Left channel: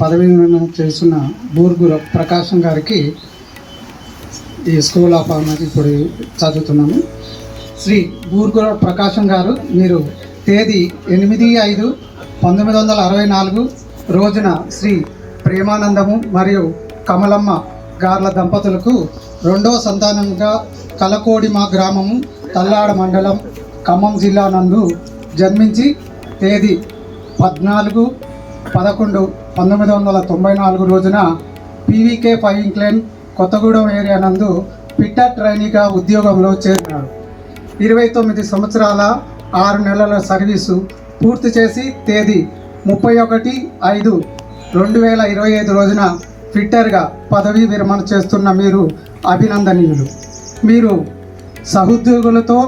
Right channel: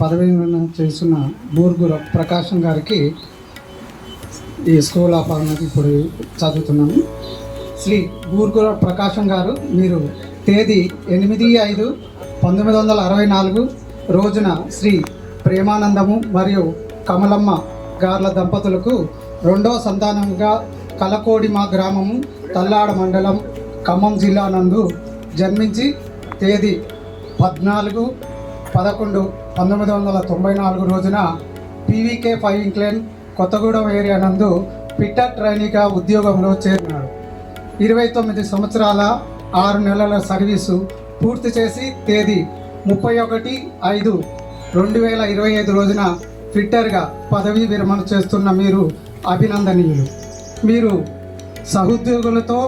పదవి విరమణ చేస్తున్న బూర్గుర ప్రకాశం గారికి ఈ స్కూల్ ఆఫ్ ఆనర్ ఇప్పుడు చదువుతున్నాము శ్రీ బూర్గుర ప్రకాశం గారు మీరు తేదీ ఎనిమిది ఐదు పంతొమ్మిది వందల అరవై నాలుగు రోజున శ్రీ ప్రేమానందము మరియు కమలమ్మ గార్ల దంపతులకు రెండవ సంతానంగా కలకోడిమా గ్రామము తల్లాడ మండలం ఖమ్మం జిల్లా నందు జన్మించి తేదీ పద్నాలుగు పదకొండు పంతొమ్మిది వందల తొంభై నాలుగు రోజున PVK five incline Kothagudem area నందు పిట్టర్ ట్రైనీగా ఉద్యోగంలో చేరినాడు. ఇరవై తొమ్మిది సంవత్సరాల ఆరు నెలల సర్వీసు పూర్తి చేసి తేదీ ముప్పై ఒకటి ఐదు రెండు వేల ఇరవై ఐదు రోజున ఫిట్టర్గా పదవీ విరమణ చేస్తున్న మీరు అభినందనీయులు. మీరు సహోద్యోగులతో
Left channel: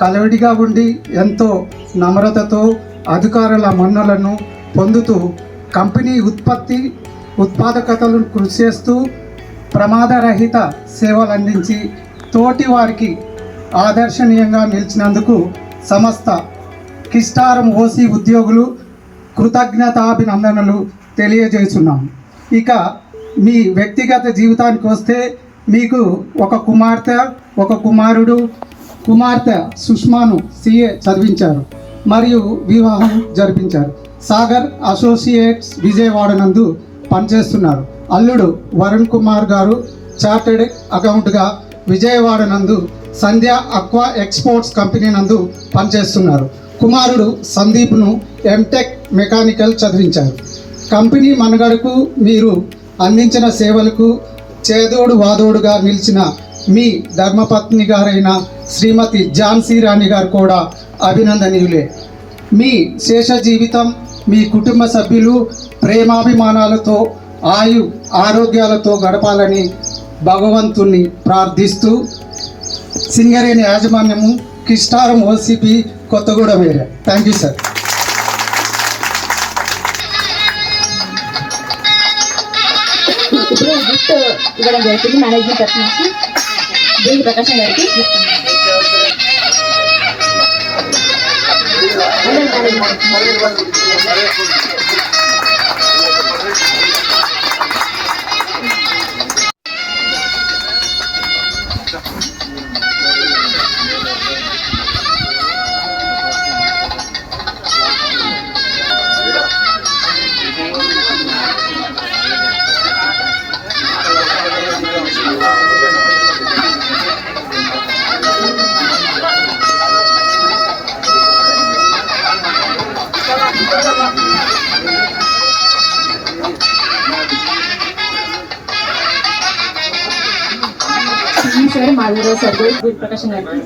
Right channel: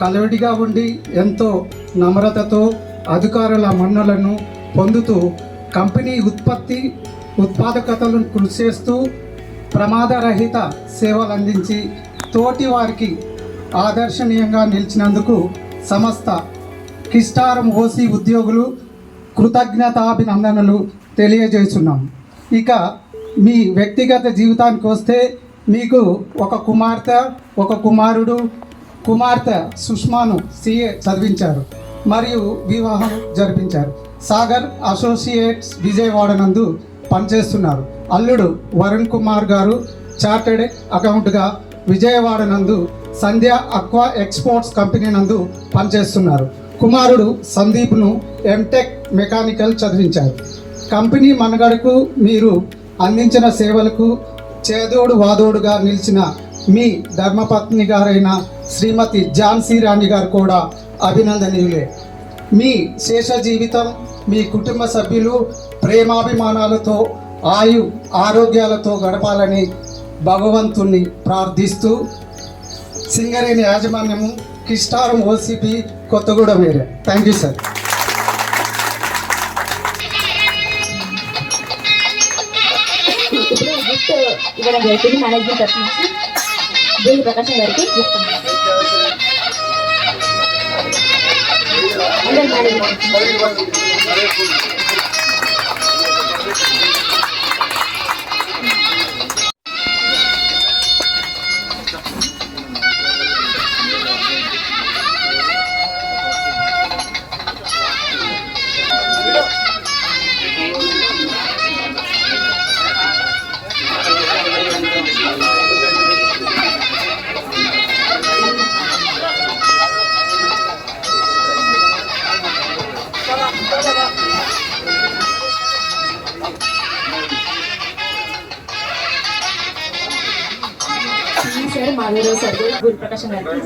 కలవిడిగా ఉండి ఎంతో నమ్రతతో అధికారుల మన్నలను పొందుతూ కంపెనీ ఉత్పత్తి ఉత్పాదకతలను కృషి చేస్తూ ప్రమాదరహిత సేవలు అందించి తోటి వారికి ఆదర్శనీయంగా నిలిచినందుకు సంస్థ కిస్టారం ఓసీ ఉద్యోగులు కృతజ్ఞతాభినందనలు తెలియజేస్తున్నాం. ఇక మీ వ్యక్తిగత జీవితానికి వస్తే మీకు ఒక కుమార్తె ఒక కుమారుడు కుమార్తె సుష్మాను సిఏ చదివించారు. మరియు వివాహం జరిపించారు. సాగర్ అసోసియేట్స్ విజయవాడ నందు పనిచేస్తున్నారు. అల్లుడు వరుణ్ కుమార్ గారు చార్టెడ్ అకౌంట్గా విజయవాడ నందు సంధ్య అక్వా ఎక్స్పోర్ట్స్ కంపెనీ నందు పనిచేస్తున్నారు. కుమారుడు సందీప్ను ఎంటెక్ మెకానికల్ చదివించారు. కంపెనీ మనగడకు మీరు అందించిన సేవలకు చేదోడు వాదోడుగా నిలిచిన మీ ధర్మపత్ని గారైన శ్రీమతి ఝాన్సీ రాణి గారు కూడా అభినందనీయులే. మీ శేష జీవితం మీ కుటుంబ సభ్యులు ప్రేమాభిమానాలతో ఆయు ఆరోగ్యాలతో గడపాలని భగవంతుణ్ణి ప్రార్థిస్తూ సింగరేణి యాజమాన్యము కిస్టారం ఓసిపి కొత్తగూడ వేరే థ్యాంక్ యూ సార్ గిఫ్ట్ ఇవ్వడం జరుగుతుంది మేనేజ్మెంట్ తరఫు నుంచి. దేవి ప్రకాశం గారికి గిఫ్ట్ అందరి management sir Madhavarao sir Guru Prakasam గారికి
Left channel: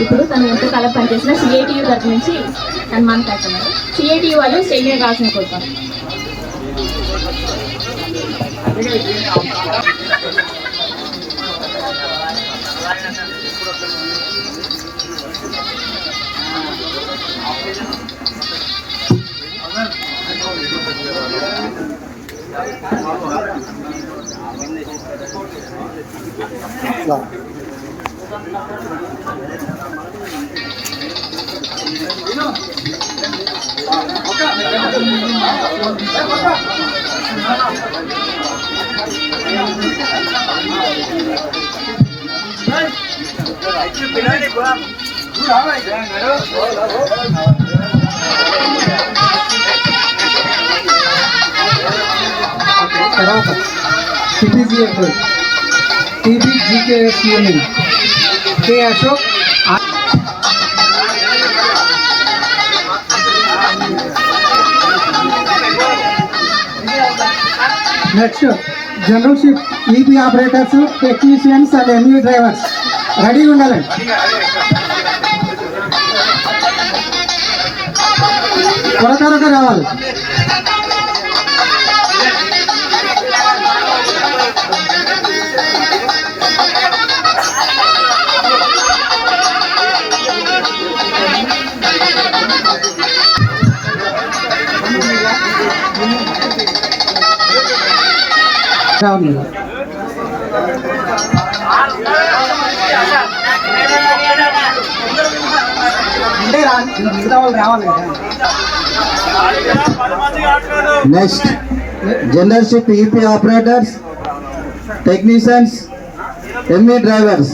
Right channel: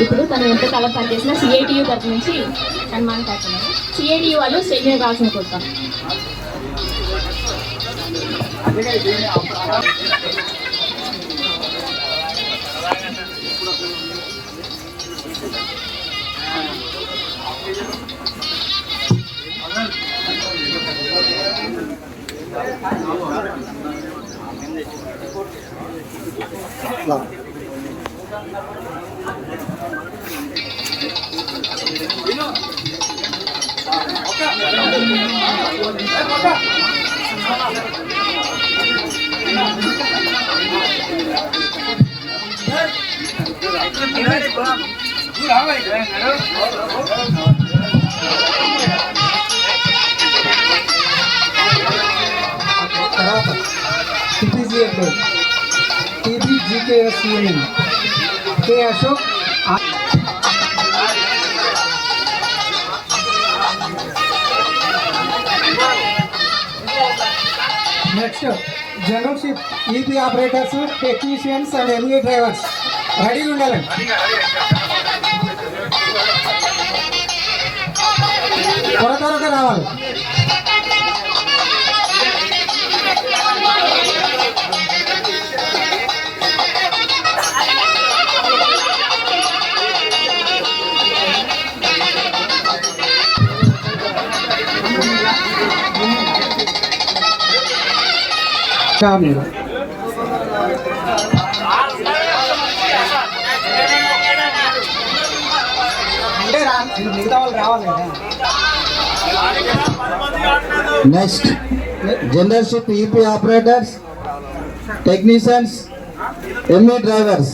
ఇప్పుడు తను ఎంత కాలం పనిచేసిన సిఐటియు తరఫు నుంచి తను మనం కాకుండా సిఐటియు వాళ్ళు స్టేట్ కావాల్సిన కోసం Thank you. you're doing. టీపీజీఎఫ్ టీబీజీకేఎస్యూఎన్ కే అశోక్ ఆ- next general ship EP operators technicians and ME drivers రెడీగా ఉండాలి త్వర త్వరగా రావాలి ఫ్యామిలీ అంటే రా మిగతా వాళ్ళు రావాలి కదా next general ship EP operators technicians ME drivers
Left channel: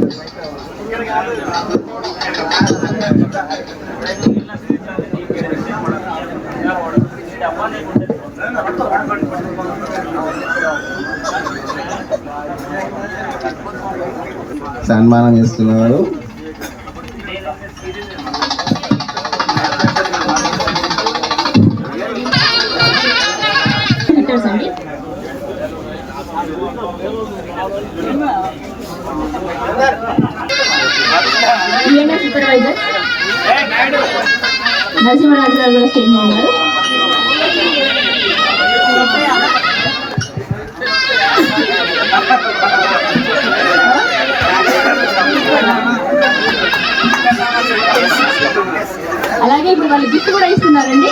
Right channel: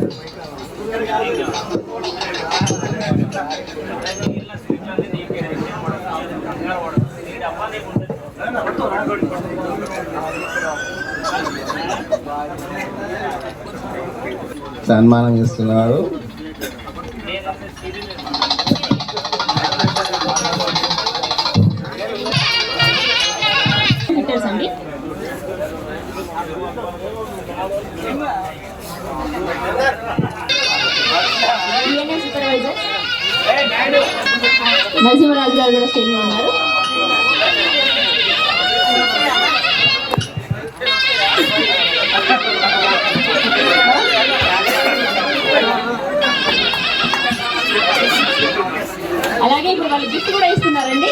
సన్మానం చేస్తున్నారు నరసింహరాజు గారు కూడా స్టేజ్ మీద ఉన్నారు. అలాగే ఇప్పుడు వాళ్ళు గిఫ్ట్ కూడా ఇస్తున్నారండి.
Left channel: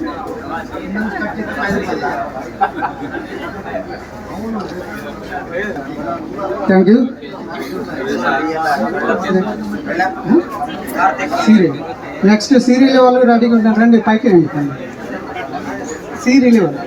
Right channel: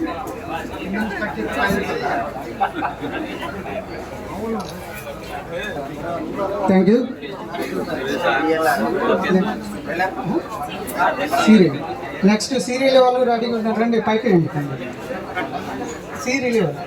Thank you serial next serial వాళ్ళు రెడీగా ఉంటారు రండి పైకి రండి. సీరియల్ వాళ్ళు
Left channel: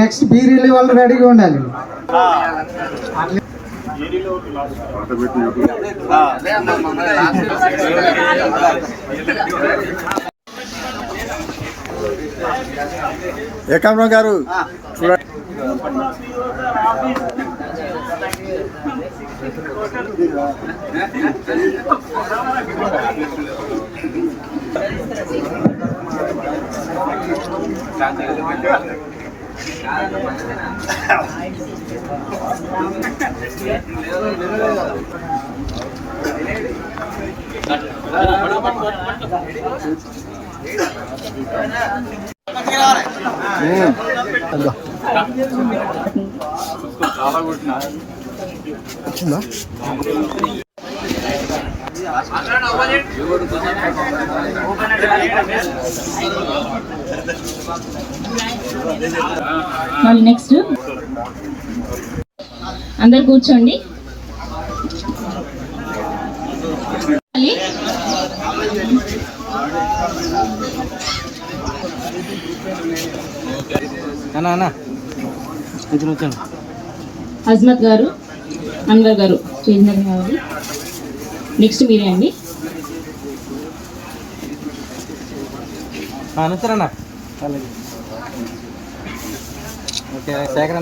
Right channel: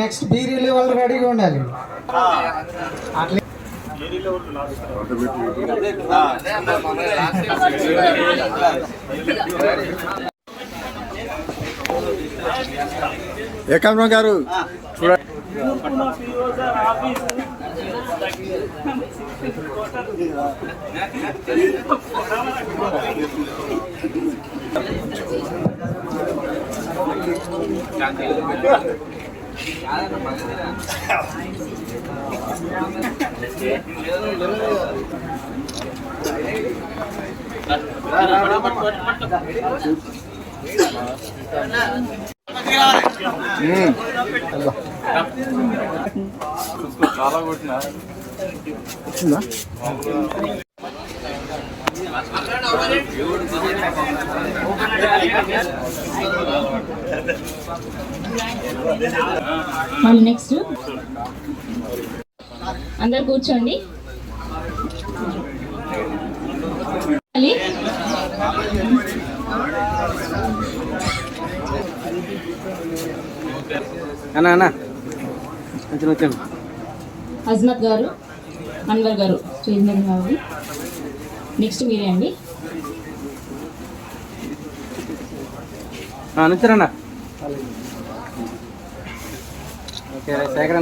నెక్స్ట్ బీ రిలే వాళ్ళు రెడీగా ఉండాలి. ఏకాంబరం గారు చూడండి. వచ్చిందా? నెక్స్ట్ అందరు కూర్చోండి. అజ్మత్ గారు అన్వర్ గారు. చేంజ్ నెక్స్ట్ మీరే అండి. శేఖర్.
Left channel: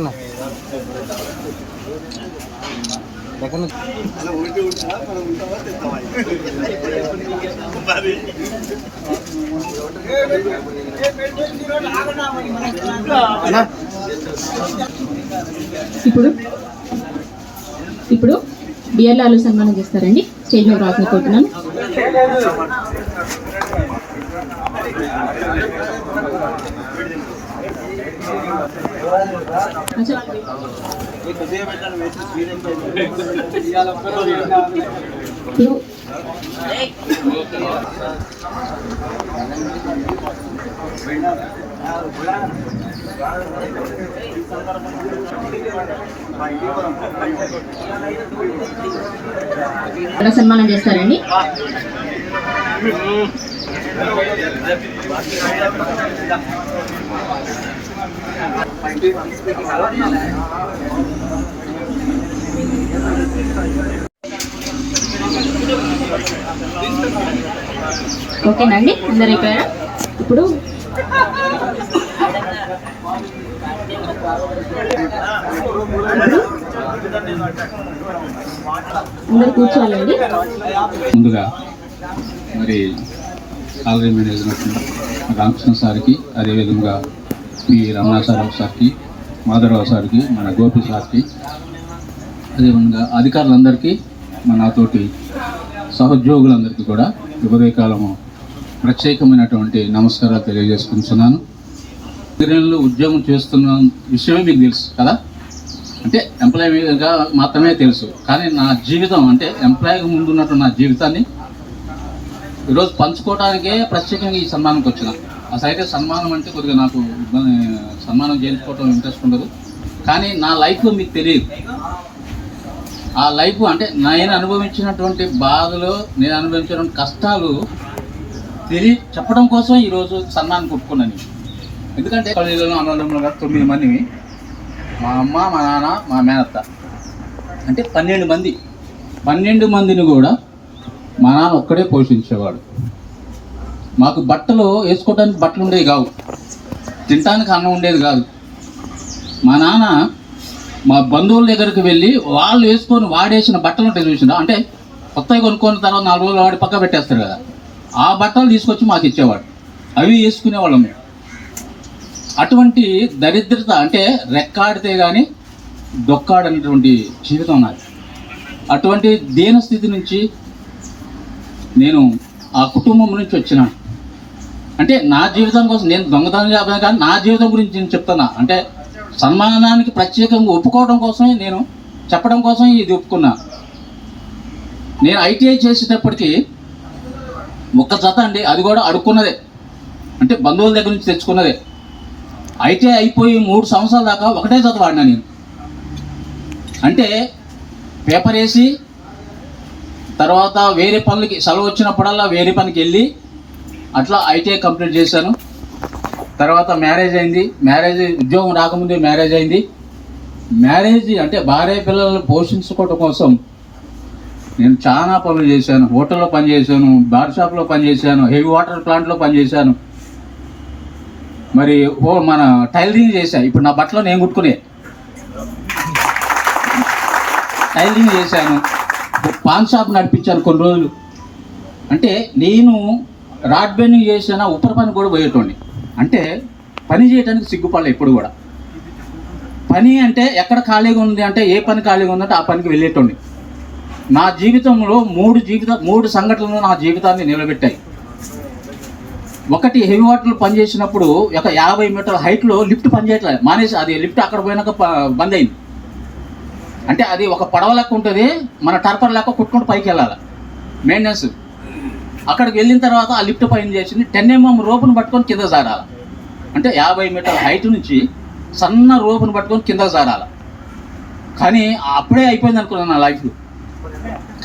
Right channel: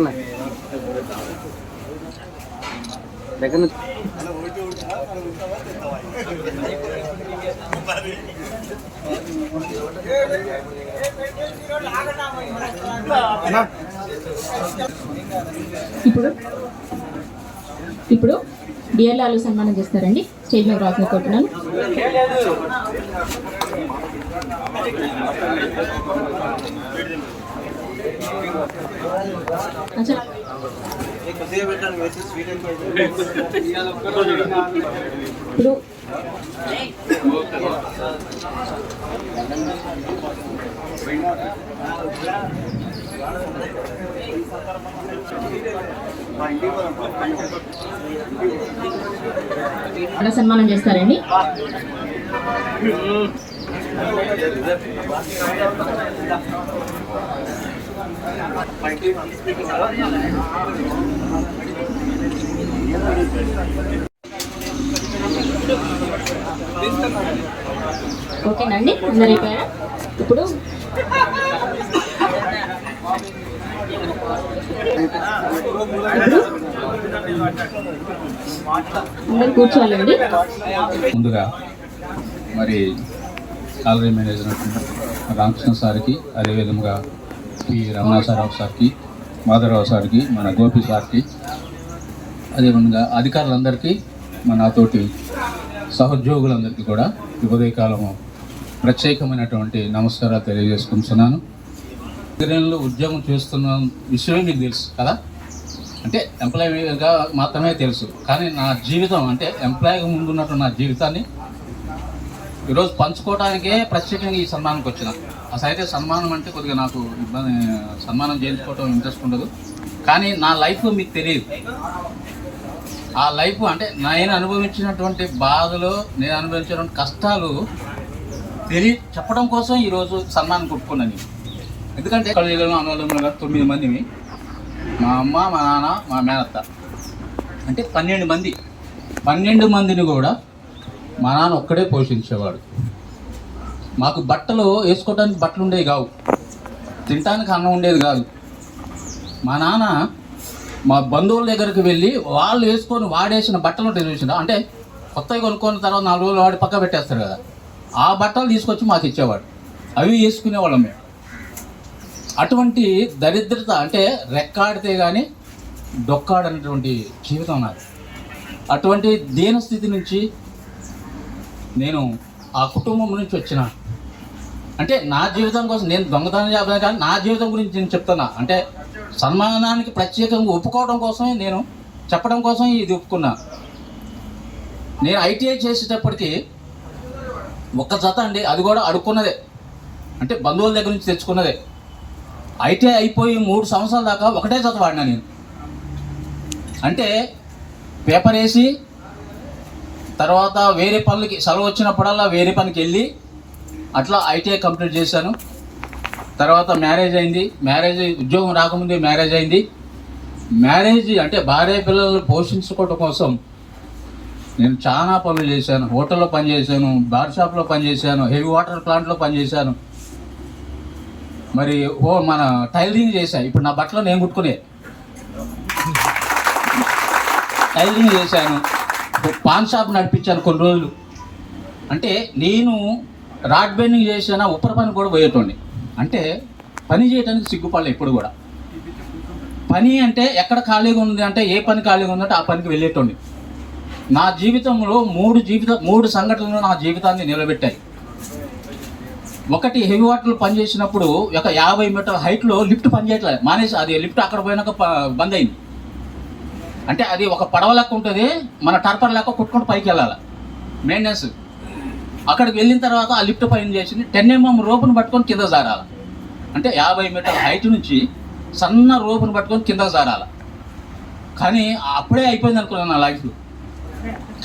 అన్నా ఇప్పుడు ఇప్పుడు బిఎల్ఆర్లు సన్మానం చేస్తారండి స్టేజ్ మీద రాకుని కోరుతున్నాను అచ్చా. ఇప్పుడు సన్మానం చేస్తారండి? ఓకేనండి అందరి ఇప్పుడు ఇప్పుడు అందరు కూర్చోవాలండి ముందుగా మరి కాలరీ మేనేజర్ రామకృష్ణ సార్కి అదేవిధంగా పి రమణాచారావు సార్కి మాధవరావు సార్కి మన గోపి సార్కి అదేవిధంగా అధికారులందరికీ మన నాతోటి సహోద్యోగులందరికీ కూడా ఉదయకాలము ప్రత్యేకమైనటువంటి నమస్కారాలు తెలియజేసుకుంటున్నాను. ఉద్యోగంలో ఉద్యోగం చేస్తున్న విషయమే మీకు తెలుసు కదా? అంటే ఎంప్లాయీగా మాత్రమే తెలుసు. కానీ నా జీవితం అంటే ఎంప్లాయీగా ముందున్నట్టు నా జీవితాన్ని ఈరోజు పంచుకోవడానికే ప్రత్యేకంగా ఈ సన్మానంకి వచ్చిన. అసలు అయితే సన్మానం అంటే కొద్దిగా నాకు ఇబ్బంది సన్మానం చేయించుకోవటం ఇంట్రెస్ట్ ఉండదు. కానీ నా లైఫ్ మీకు తెలియదు. ఆ లైఫ్ అంటే నేను అనుభవించినటువంటి బాధలు నేను అనుభవించినటువంటి కష్టాలు తెలియ చెప్పడం కోసం ఈరోజు సన్మానం కొట్టుకున్నాను ఎందుకంటే కళలో అన్నదమ్ములు గారు తొమ్మిది మందిని మా. అమ్మ మా నాన్న మా మేనత్త. అంటే పన్నెండు మంది. పన్నెండు మందిని కూడా మా నాన్న ఒక్కడే పోషించేవాడు. మాకు బట్టలు వేసుకోవడానికి బట్టలు ఉండేవి కావు. తినడానికి అన్నం ఉండేది కాదు. మా నాన్న మా బంధువుల దగ్గరికి వెళ్ళి వాళ్ళు వేసుకొని వాడేసిన బట్టలు ఉంటాయి చూసినా అంటే కొత్తవి కొనుక్కున్న తర్వాత నాలుగు రోజులు వాడి పక్క పెట్టేస్తారు కదా. ఆ బట్టలు తీసుకొచ్చి మాకు ఇచ్చేవాడు. అవి వేసుకునేవాళ్ళం మేము. అటువంటి దరిద్రత అంటే రెక్కాడితే కానీ డొక్కాడనటువంటి జీవితం నాది. అటువంటి దీనస్థితి నుంచి నేను ఆ కుటుంబం నుంచి వచ్చినాను. అంటే నా జీవితం కోసం నేను దొంగతనం చేద్దాం కానీ నా జీవితం గురించి నేను చెప్తున్నా. అంటే సన్మానానికి ప్రత్యేకంగా ఒప్పుకోవడం కోసమే నేను చెప్పడం కోసం ఇది ఒప్పుకున్నా. నేను ఐటీఐ చేసేటప్పటికి ఒక్క జత అండి అది కూడా అడుక్కున్నదే. అంటే బంధువుల దగ్గర నుంచి తెచ్చుకున్నదే. ఐటీఐ అయిపోయి మూడు సంవత్సరాల దాకా ఒకటే జత వాడినా నేను. అంటే పేపర్ వేసి తర్వాత వేరే పనులకి సెలవు వచ్చినప్పుడల్లా వేరే పనికి వెళ్ళి అట్లా ఐటీఐ కంప్లీట్ చేశాను. తర్వాత మ్యారేజ్ అయింది. మ్యారేజ్ ఉద్యోగం రాకముందే మ్యారేజ్ అయింది. మ్యారేజ్ అంటే భార్య పిల్లలను పోషించుకోవడం కోసం నేను చాలా పనులు చేశాను. హోటల్లో పనిచేశాను బార్ షాప్లో పనిచేశాను హెవీ వాటర్ ప్లాంట్లో పనిచేశాను. మరి ఓ మన టైలరింగ్ చేశా. ఇప్పుడు నా బట్టలు నేను కుట్టుకునే. టైలరింగ్ చేశాను. పాన్ షాప్ నడిపించాను కొన్ని రోజులు. అంటే నేను రాడ్ బెండింగ్ చేసిన ఉప్పర పని కూడా పోయేటోండి అంటే పని చేయడానికి సిగ్గుపడలే ఎప్పుడు కూడా. పని అంటే ఎక్కడ ఖాళీగా ఉంది అంటే ఏ పని ఖాళీగా ఉందంటే ఆ పనికి వెళ్ళేటోండి నా జీవితంలో మూడు జీవిత మూడు సంఘటనలు నా జీవితాన్ని నిలబెట్టాయి. ఒకటి హెవీ వాటర్లు పనిచేసినప్పుడు ఒక యాభై మీటర్ హైట్లో లిఫ్ట్ పనిచేయట్లేదు. మానేసి అది లిఫ్ట్ అక్కడ పోయినాక బంద్ అయింది. అంటే అది ఒక పడవ లెక్క ఉంటుంది మన టర్పర్ లెక్క కుట్టుకుంటూ పైకి వెళ్ళాలి. మెయింటెనెన్స్ అక్కడికి వెళ్ళిన తర్వాత ఆ లిఫ్ట్ పైన చేసింది. టెన్ ఎంఎం mm రోపును పట్టుకొని కింద జారాలి. అంటే యాభై మీటర్ల హైట్ నుంచి సన్న రోపును పట్టుకొని కింద జారాలి. కానీ అప్పుడే అయిపోయింది అనుకున్నాను నా లైఫ్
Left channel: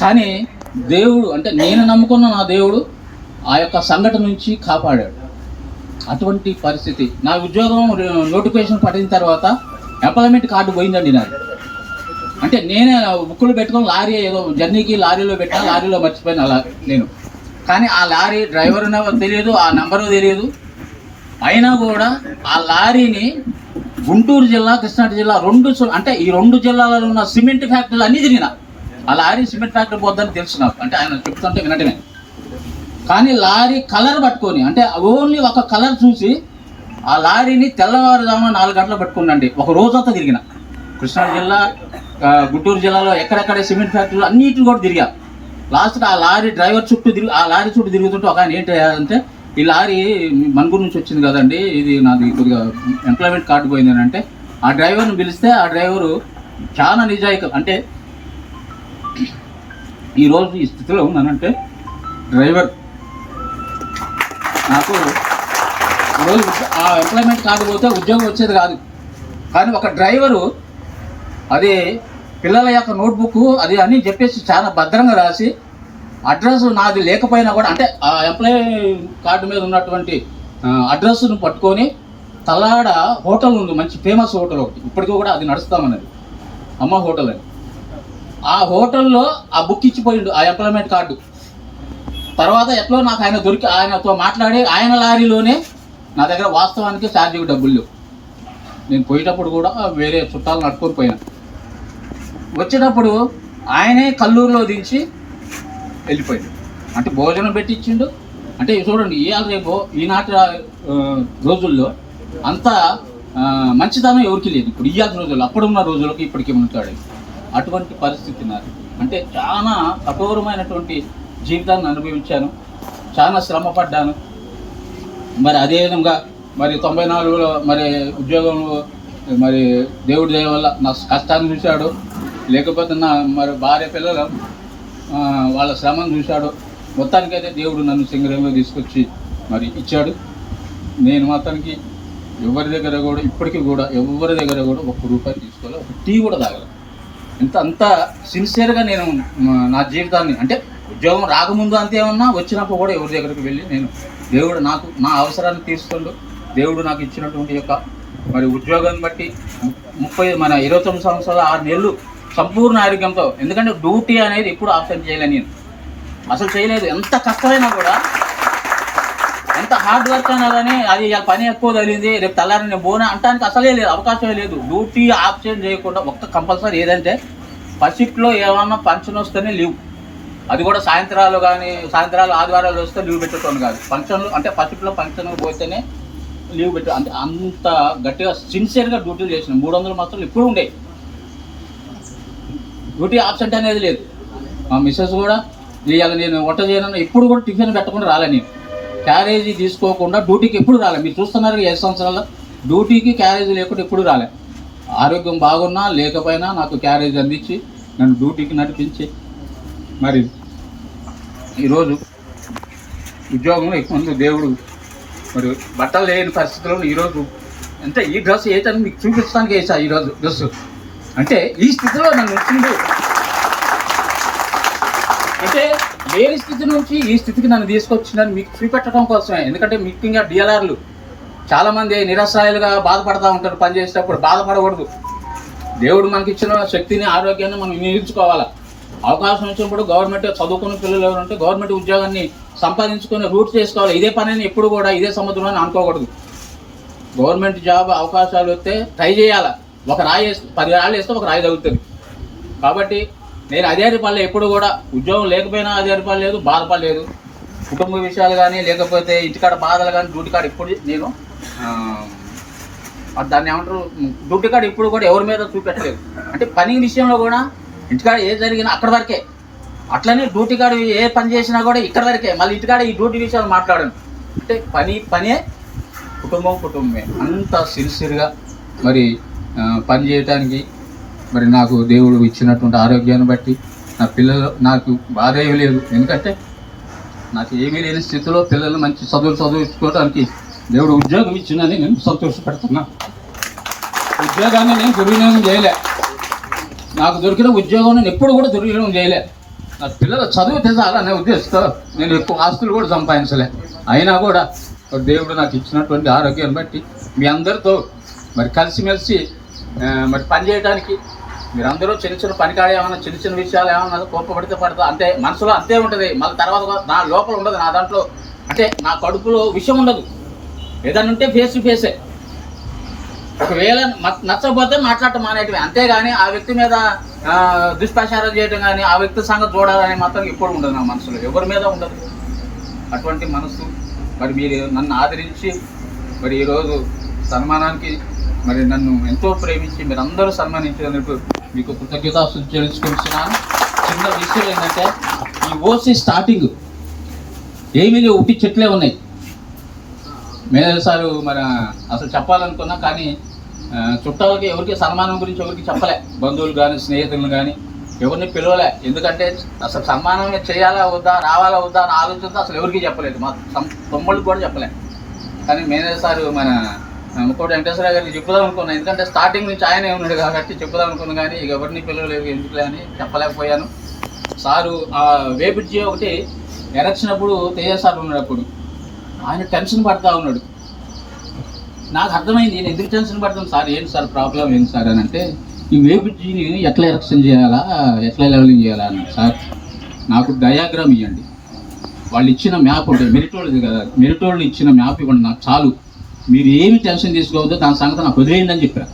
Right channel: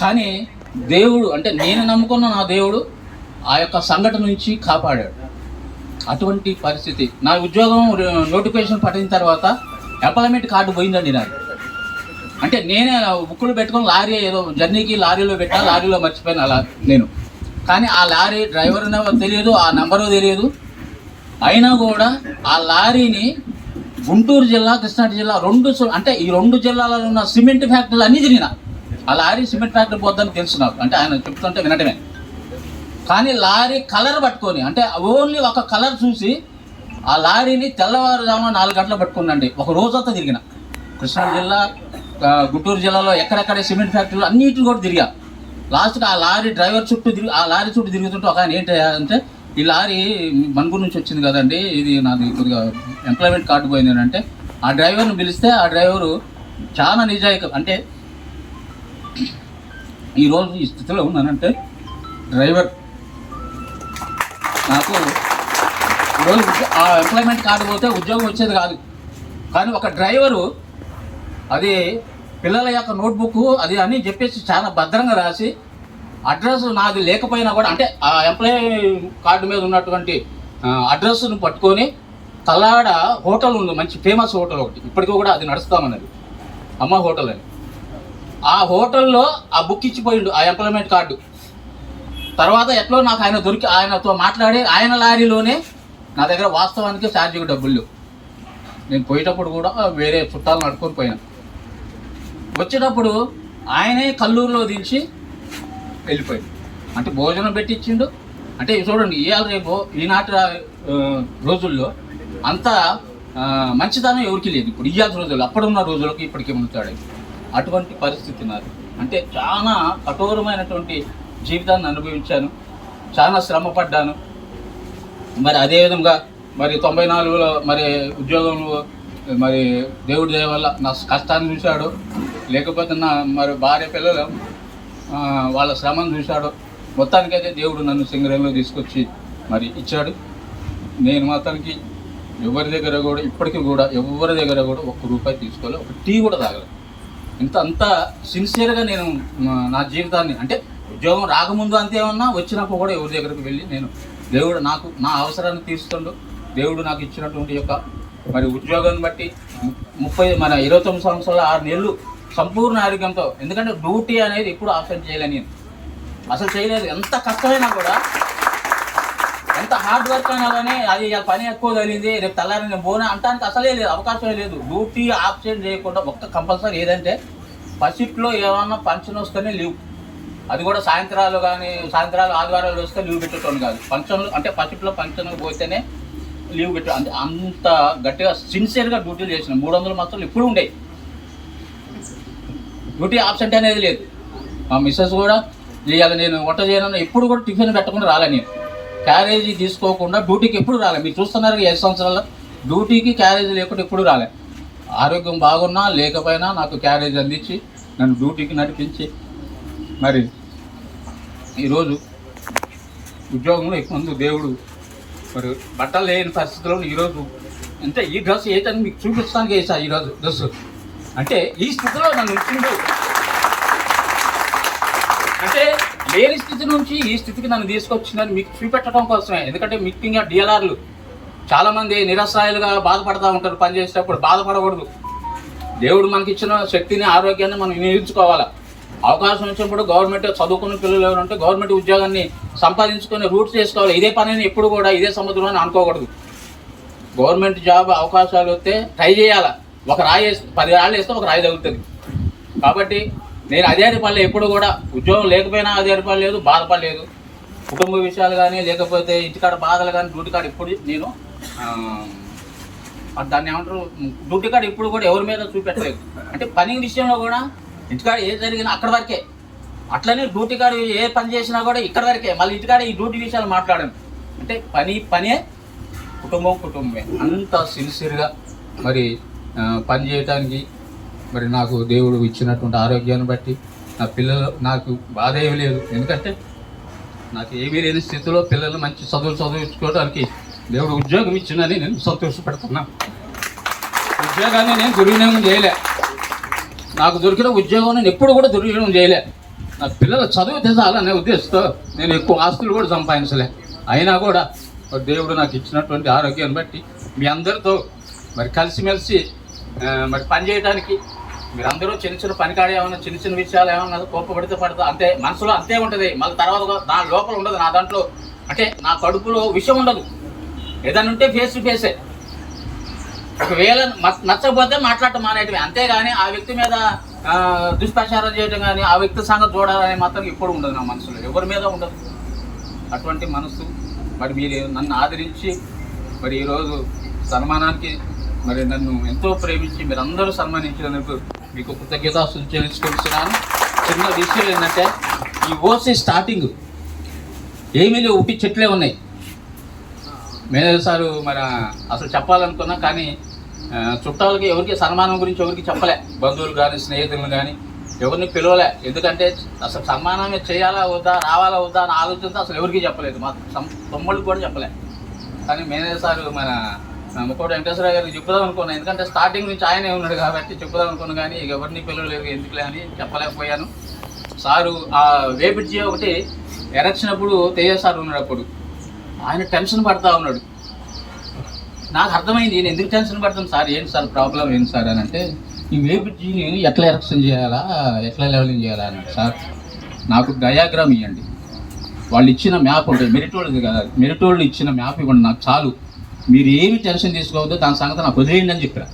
కానీ దేవుడు అంటే నేను నమ్ముకున్న నా దేవుడు ఆ యొక్క సంఘటన నుంచి కాపాడాడు. అటువంటి పరిస్థితి. నా ఉద్యోగం నోటిఫికేషన్ పడిన తర్వాత ఎంప్లాయ్మెంట్ కార్డు పోయిందండి నాకు. అంటే నేనే బుక్కులు పెట్టుకొని లారీ ఏదో జర్నీకి లారీలో పెట్టినా లారీలో మర్చిపోయిన అలా నేను. కానీ ఆ లారీ డ్రైవర్ తెలియదు ఆ నంబరు తెలియదు. అయినా కూడా ఆ లారీని గుంటూరు జిల్లా కృష్ణా జిల్లా రెండు అంటే ఈ రెండు జిల్లాలలో ఉన్న సిమెంట్ ఫ్యాక్టరీలు అన్నీ తిరిగిన. ఆ లారీ సిమెంట్ ఫ్యాక్టరీ పోద్దని తెలుసు నాకు. అంటే ఆయన చెప్తుంటే వినటమే. కానీ లారీ కలర్ పట్టుకొని అంటే ఓన్లీ ఒక కలర్ చూసి ఆ లారీని తెల్లవారుజామున నాలుగు గంటలు పట్టుకున్నాండి ఒక రోజంతా తిరిగిన. కృష్ణా జిల్లా గుంటూరు జిల్లాలో ఎక్కడెక్కడ సిమెంట్ ఫ్యాక్టరీలు అన్నిటిని కూడా తిరిగా. లాస్ట్కి ఆ లారీ డ్రైవర్ చుట్టూ తిరిగి ఆ లారీ చుట్టూ తిరుగుతుంటే ఒక ఆయన ఏంటి అంటే ఈ లారీ మణుగూరు నుంచి వచ్చింది కదండి ఇది నాది కొద్దిగా ఎంప్లాయ్మెంట్ కార్డు పోయింది అని అంటే ఆ డ్రైవర్ని పిలిస్తే ఆ డ్రైవరు చాలా నిజాయితీ అంటే ఈరోజు ఈ స్థితిలో ఉన్నానంటే డ్రైవర్ నాకు ఈరోజు ఆ ఎంప్లాయ్మెంట్ కార్డు పోతే ఉద్యోగం వచ్చేది కాదు. కానీ ఒక డ్రైవరు అది పిల్లల యొక్క నోట్బుక్ అది అని చెప్పేసి చాలా భద్రంగా రాసి అడ్రస్ నాది లేకపోయినా కూడా అంటే ఆ ఎంప్లాయీ కార్డు మీద ఉన్నటువంటి అడ్రస్ను పట్టుకొని తలాడ హోటల్ ఉంది మంచి ఫేమస్ హోటల్ ఒకటి. ఇప్పటికీ కూడా అది నడుస్తామన్నది. అమ్మ హోటల్ అని. ఆ హోటల్లో ఆ బుక్ ఇచ్చిపోయిండు ఆ ఎంప్లాయ్మెంట్ కార్డు తర్వాత ఎట్లో నాకు ఆయన దొరికి ఆయనతో మాట్లాడి ఆయన లారీలోనే నా దగ్గర వాస్తవానికి ఛార్జీకి డబ్బులు నేను పోయేటప్పుడు కూడా వేరే చుట్టాలు నడుపుకొని పోయాను. వచ్చేటప్పుడు ఆయనే కల్లూరులో దించి వెళ్ళిపోయింది అంటే భోజనం పెట్టించిండు. అంటే చూడండి ఇవాళ రేపు ఈనాటి రోజుల్లో అంత మంచితనం ఎవరికి లేదు. ఇప్పుడు ఇవాళ రోజుల్లో అప్పుడున్న రోజులకు ఇప్పటికీ ఉంటాడు అటువంటి పరిస్థితి నాది. అంటే చాలా కఠోరమైనటువంటి జీవితాన్ని అనుభవించాను. చాలా శ్రమ పడ్డాను మరి అదేవిధంగా మరి తొంభై నాలుగులో మరి ఉద్యోగంలో మరి దేవుడి దయ వల్ల నా కష్టాన్ని చూశాడు. లేకపోతే నా మరి భార్య పిల్లలు వాళ్ళ శ్రమను చూశాడు. మొత్తానికైతే దేవుడు నన్ను సింగరంలో తీసుకొచ్చి మరి ఇచ్చాడు. నేను మాత్రానికి ఎవరి దగ్గర కూడా ఇప్పటికీ కూడా ఎవరి దగ్గర కూడా ఒక్క రూపాయి తీసుకోవాలి ఒక టీ కూడా తాగలేదు. ఇంత అంత సిన్సియర్గా నేను నా జీవితాన్ని అంటే ఉద్యోగం రాకముందు అంతే ఉన్నా వచ్చినప్పుడు కూడా ఎవరి దగ్గరికి వెళ్ళి నేను దేవుడు నాకు నా అవసరాన్ని తీరుస్తుండు. దేవుడు నాకు ఇచ్చినటువంటి యొక్క మరి ఉద్యోగాన్ని బట్టి ముప్పై మన ఇరవై తొమ్మిది సంవత్సరాల ఆరు నెలలు సంపూర్ణ ఆరోగ్యంతో. ఎందుకంటే డ్యూటీ అనేది ఎప్పుడు ఆప్షన్ చేయలేను నేను. అసలు చేయలేదు. ఎంత కష్టమైనా కూడా ఎంత హార్డ్ వర్క్ అయినా కానీ అది పని ఎక్కువ తగిలింది. రేపు తెల్లారి నేను పోనా అంటానికి అసలే లేదు అవకాశమే లేదు. డ్యూటీ ఆప్షన్ చేయకుండా ఒక్క కంపల్సరీ ఏదంటే పసిట్లో ఏమన్నా ఫంక్షన్ వస్తేనే లీవ్ అది కూడా సాయంత్రాలు కానీ సాయంత్రాలు ఆదివారాలు వస్తే లీవ్ పెట్టేటోను కాదు. ఫంక్షన్లు అంటే పసిట్లో ఫంక్షన్ పోతేనే లీవ్ పెట్టు అంటే అంత గట్టిగా సిన్సియర్గా డ్యూటీలు చేసిన. మూడు వందలు మాత్రం ఇప్పుడు ఉండేవి డ్యూటీ ఆబ్సెంట్ అనేది లేదు. మా మిస్సెస్ కూడా ఇవాళ నేను వంట చేయను ఎప్పుడు కూడా టిఫిన్ పెట్టకుండా రాలే నేను. క్యారేజీ తీసుకోకుండా డ్యూటీకి ఎప్పుడు రాలే. మీరు చూస్తున్నారు ఏ సంవత్సరాల్లో డ్యూటీకి క్యారేజీ లేకుండా ఎప్పుడు రాలే. ఆరోగ్యం బాగున్నా లేకపోయినా నాకు క్యారేజ్ అందించి నన్ను డ్యూటీకి నడిపించి. మరి ఈరోజు ఉద్యోగంలో ఎక్కువ మంది దేవుడు మరి బట్టలు లేని పరిస్థితుల్లో ఈరోజు అంటే ఈ డ్రెస్ ఏదని మీకు చూపించడానికి వేసా ఈరోజు డ్రెస్? అంటే ఈ స్థితిలో నన్ను ఉంచిండు. అంటే లేని స్థితి నుంచి ఈ స్థితికి నన్ను తీసుకొచ్చిందని మీకు చూపెట్టడం కోసమే. ఎందుకంటే ముఖ్యంగా డిఎల్ఆర్లు చాలామంది నిరసరాయులుగా బాధపడతా ఉంటారు పని చేసేటప్పుడు బాధపడకూడదు. దేవుడు మనకి ఇచ్చిన శక్తిని ఆరోగ్యాన్ని మనం వినియోగించుకోవాలా? అవకాశం వచ్చినప్పుడు గవర్నమెంట్ చదువుకున్న పిల్లలు ఎవరు ఉంటే గవర్నమెంట్ ఉద్యోగాన్ని సంపాదించుకొని రూట్స్ చేసుకోవాలి. ఇదే పనిని ఎప్పుడు కూడా ఇదే సముద్రం అని అనుకోకూడదు. గవర్నమెంట్ జాబ్ అవకాశాలు వస్తే ట్రై చేయాలి? ఒక రాయి వేస్తే పది రాళ్ళు వేస్తే ఒక రాయి తగులుతుంది. కాబట్టి నేను అధికారిపడలే ఎప్పుడు కూడా. ఉద్యోగం లేకపోయినా అధికారిపడలేదు బాధపడలేదు. కుటుంబ విషయాలు కానీ లేకపోతే ఇంటికాడ బాధలు కానీ డ్యూటీ కాడ ఇప్పుడు నేను దాన్ని ఏమంటారు? డ్యూటీ కాడ ఇప్పుడు కూడా ఎవరి మీద చూపెట్టలేదు. అంటే పని విషయంలో కూడా ఇంటికాడ ఏ జరిగినా అక్కడ వరకే. అట్లనే డ్యూటీ కాడ ఏ పని చేసినా కూడా ఇక్కడ వరకే. మళ్ళీ ఇంటికాడ ఈ డ్యూటీ విషయాలు మాట్లాడాను. అంటే పని పనే కుటుంబం కుటుంబమే. అంత సిన్సియర్గా మరి పని చేయటానికి మరి నాకు దేవుడు ఇచ్చినటువంటి ఆరోగ్యాన్ని బట్టి నా పిల్లలు నాకు బాధ ఏమీ లేదు. ఎందుకంటే నాకు ఏమీ లేని స్థితిలో పిల్లలు మంచి చదువులు చదువుకోవడానికి దేవుడు ఉద్యోగం ఇచ్చిందని నేను సంతోషపడుతున్నా. ఉద్యోగాన్ని నేను దుర్వినియోగం చేయలే. నాకు దొరికిన ఉద్యోగం నేను ఎప్పుడు కూడా దుర్వినియోగం చేయలే. నా పిల్లలు చదువు తెచ్చాలనే ఉద్దేశంతో నేను ఎక్కువ ఆస్తులు కూడా సంపాదించలే. అయినా కూడా దేవుడు నాకు ఇచ్చినటువంటి ఆరోగ్యాన్ని బట్టి మీ అందరితో మరి కలిసిమెలిసి మరి పని చేయడానికి మీరందరూ చిన్న చిన్న పనికాడ ఏమన్నా చిన్న చిన్న విషయాలు ఏమన్నా కోపపడితే పడతా అంతే మనసులో అంతే ఉంటుంది. మళ్ళీ తర్వాత కూడా నా లోపల ఉండదు నా దాంట్లో. అంటే నా కడుపులో విషయం ఉండదు. ఏదన్నా ఉంటే ఫేస్ టు ఫేసే ఒకవేళ మ- నచ్చకపోతే మాట్లాడటం మానేటివి అంతేగాని ఆ వ్యక్తి మీద దుష్ప్రచారం చేయడం కానీ ఆ వ్యక్తి సంగతి చూడాలని మాత్రం ఎప్పుడు ఉండదు నా మనసులో. ఎవరి మీద ఉండదు. అటువంటి మనసు మరి మీరు నన్ను ఆదరించి మరి ఈరోజు సన్మానానికి మరి నన్ను ఎంతో ప్రేమించి మీరు అందరూ సన్మానించినందుకు మీకు కృతజ్ఞత చెల్లించుకుంటున్నాను. చిన్న విషయం ఏంటంటే ఈ ఓసీ స్టార్టింగ్ ఏమీ లేవు ఉట్టి చెట్లే ఉన్నాయి. మేనేజర్ సారు మరి అసలు చెప్పాలనుకున్నా కానీ చుట్టాలకి ఎవరికి సన్మానం గురించి ఎవరికి చెప్పలే. బంధువులు కానీ స్నేహితులను కానీ ఎవరిని పిలవలే. ఎందుకంటే అసలు సన్మానం చేయాలా వద్దా రావాలా వద్దా అని ఆలోచనతో అసలు ఎవరికి చెప్పలేదు. మా సం- తమ్ముళ్ళకి కూడా చెప్పలే. కానీ మేనేజర్ సారు మన ముక్కోటి వెంకటేశ్వర గారికి చెప్పుదాం అనుకున్నాను ఎందుకంటే స్టార్టింగ్ నుంచి ఆయనే ఉన్నాడు కాబట్టి చెప్పుదాం అనుకున్నాను కానీ ఇక ఎవరిని పిలవలేదు ఎందుకులే అని చెప్పలేకపోయాను. సారు ఆ వేపిడ్జి ఒకటి ఎరక్చినప్పుడు తేజ సార్ ఉన్నాడు అప్పుడు ఆయన టెన్షన్ పడతా ఉన్నాడు. నాకు అర్థమైంది నేను ఎందుకు టెన్షన్ పడతాను సార్ ఏంటి సార్ ప్రాబ్లం ఏంటి సార్ అని అంటే ఈ వేపిడ్జిని ఎట్లా ఎరక్షన్ చేయాలా ఎట్లా లెవెలింగ్ చేయాలా అన్నారు సార్. నాకు డయాగ్రామ్ ఇవ్వండి వాళ్ళు ఇచ్చిన మ్యాప్ ఉంటుంది మెరిటోళ్ళది కదా మెరిటోళ్ళు ఇచ్చిన మ్యాప్ ఇవ్వండి నాకు చాలు. మీరు ఏమి టెన్షన్ తీసుకోవద్దు దాని సంగతి నాకు వదిలేయండి అని చెప్పారు.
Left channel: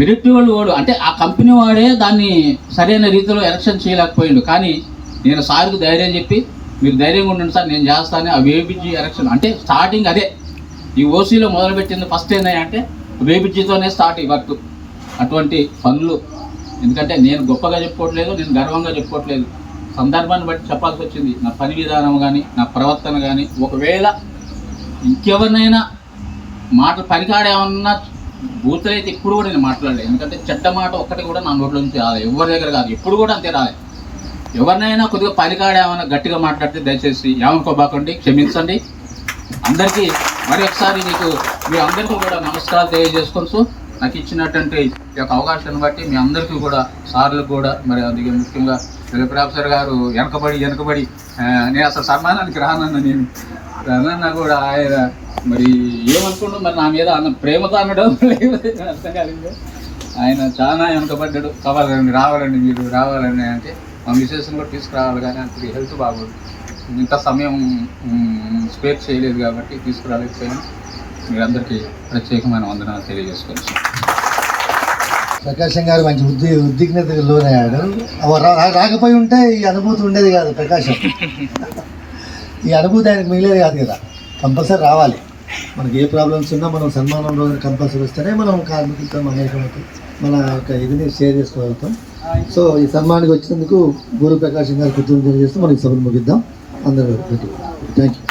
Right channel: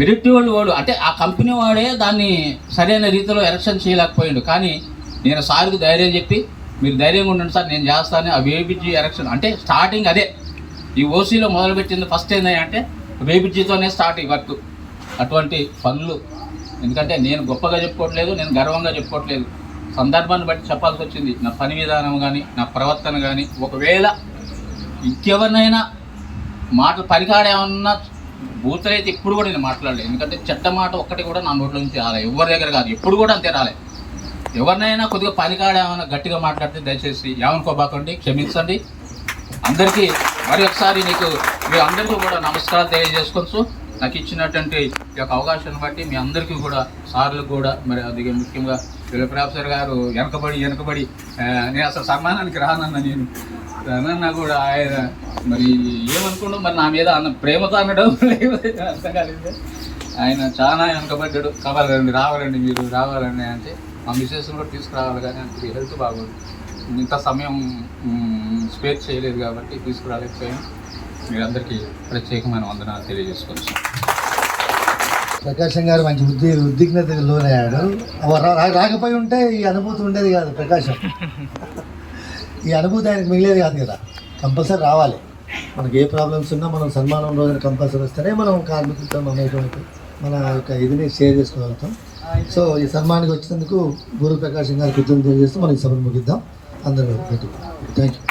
మెరిట్ వాళ్ళు వాడు అంటే ఆ కంపెనీ వాడే దాన్ని సరైన రీతిలో ఎలక్షన్ చేయలేకపోయాడు. కానీ నేను సార్కి ధైర్యం చెప్పి మీరు ధైర్యంగా ఉండండి సార్ నేను చేస్తాను ఆ వేబిజీ ఎలక్షన్ అంటే స్టార్టింగ్ అదే. ఈ ఓసీలో మొదలుపెట్టింది ఫస్ట్ ఏంటంటే వేబిజీతోనే స్టార్ట్ ఈ వర్క్ అటువంటి పనులు. ఎందుకంటే నేను గొప్పగా చెప్పుకోవట్లేదు నేను గర్వంగా చెప్పుకోవట్లేదు. సందర్భాన్ని బట్టి చెప్పాల్సి వచ్చింది. నా పని విధానం కానీ నా ప్రవర్తన కానీ ఒకవేళ ఇంకెవరినైనా మాటలు పనికాడేమన్నా బూతులైతే ఇప్పుడు కూడా నేను మాట్లాడలేదు. ఎందుకంటే చెడ్డ మాట ఒక్కటి కూడా నా నోట్ల నుంచి రాలే. ఎవరి దగ్గర కాదు. ఎప్పుడు కూడా అంతే రాలే. ఎవరినైనా కొద్దిగా పనికాడేమన్నా ఏమైనా గట్టిగా మాట్లాడితే దయచేసి ఏమనుకోబాకండి క్షమించండి. అందరికీ మరి ఒకసారి నీకు మీ అందరికీ కూడా నమస్కారాలు తెలియజేసుకోవచ్చు నాకు ఇచ్చినటువంటి ఈ యొక్క అవకాశాన్ని బట్టి మీ అందరికీ కూడా సార్లకు కూడా మరి అది ముఖ్యంగా ప్రొఫెసర్ గారు వెనకబడి వెనకబడి నేను అసలు సన్మానానికి రానన్న నేను. రానన్న కూడా ఆయన మరి ఏమనుకుంటూ మరి నా మీద అన్న ప్రేమతో అనడం అర్థం కాలేదు. ఆయన చాలా వెనకబడ్డాడు. కావాలండి రావాలండి మీరు రావాలండి అంటే మా మిసెస్ని కూడా తీసుకురావాలి కానీ అంత హెల్త్ బాగోదు. ఇంత సమయం స్పేర్ చేయలేదు కాబట్టి తీసుకురాలేకపోయాను. మీరందరికీ ప్రత్యేకమైన వందనాలు తెలియజేసుకోవచ్చు ప్రకాశం గారు మంచి ఉద్ది ఉద్విగ్నతకు లోనయ్యాడు రాకపోయి ఉంటే ఈ అనుభూతి ఉండేది కాదు ప్రకాశం. ఈ అనుభూతి ఆయనకు మిగిలేదు కాదు కదా. కంపల్సరీ రావాలి. మనకి ఏ ప్రాబ్లమ్స్ ఉన్నా మనం సన్మానం రోజున కంపల్సరీ వస్తేనే మనం కార్మికులతో అనేటువంటి మన యొక్క ఇదిని షేర్ చేసుకోగలుగుతాం. సో ఈ సన్మానానికి వచ్చినందుకు గురు ప్రకాశం గారికి కృతజ్ఞతలు తెలియజేస్తూ మనకి సభను ముగిద్దాం. అందరూ థ్యాంక్ యూ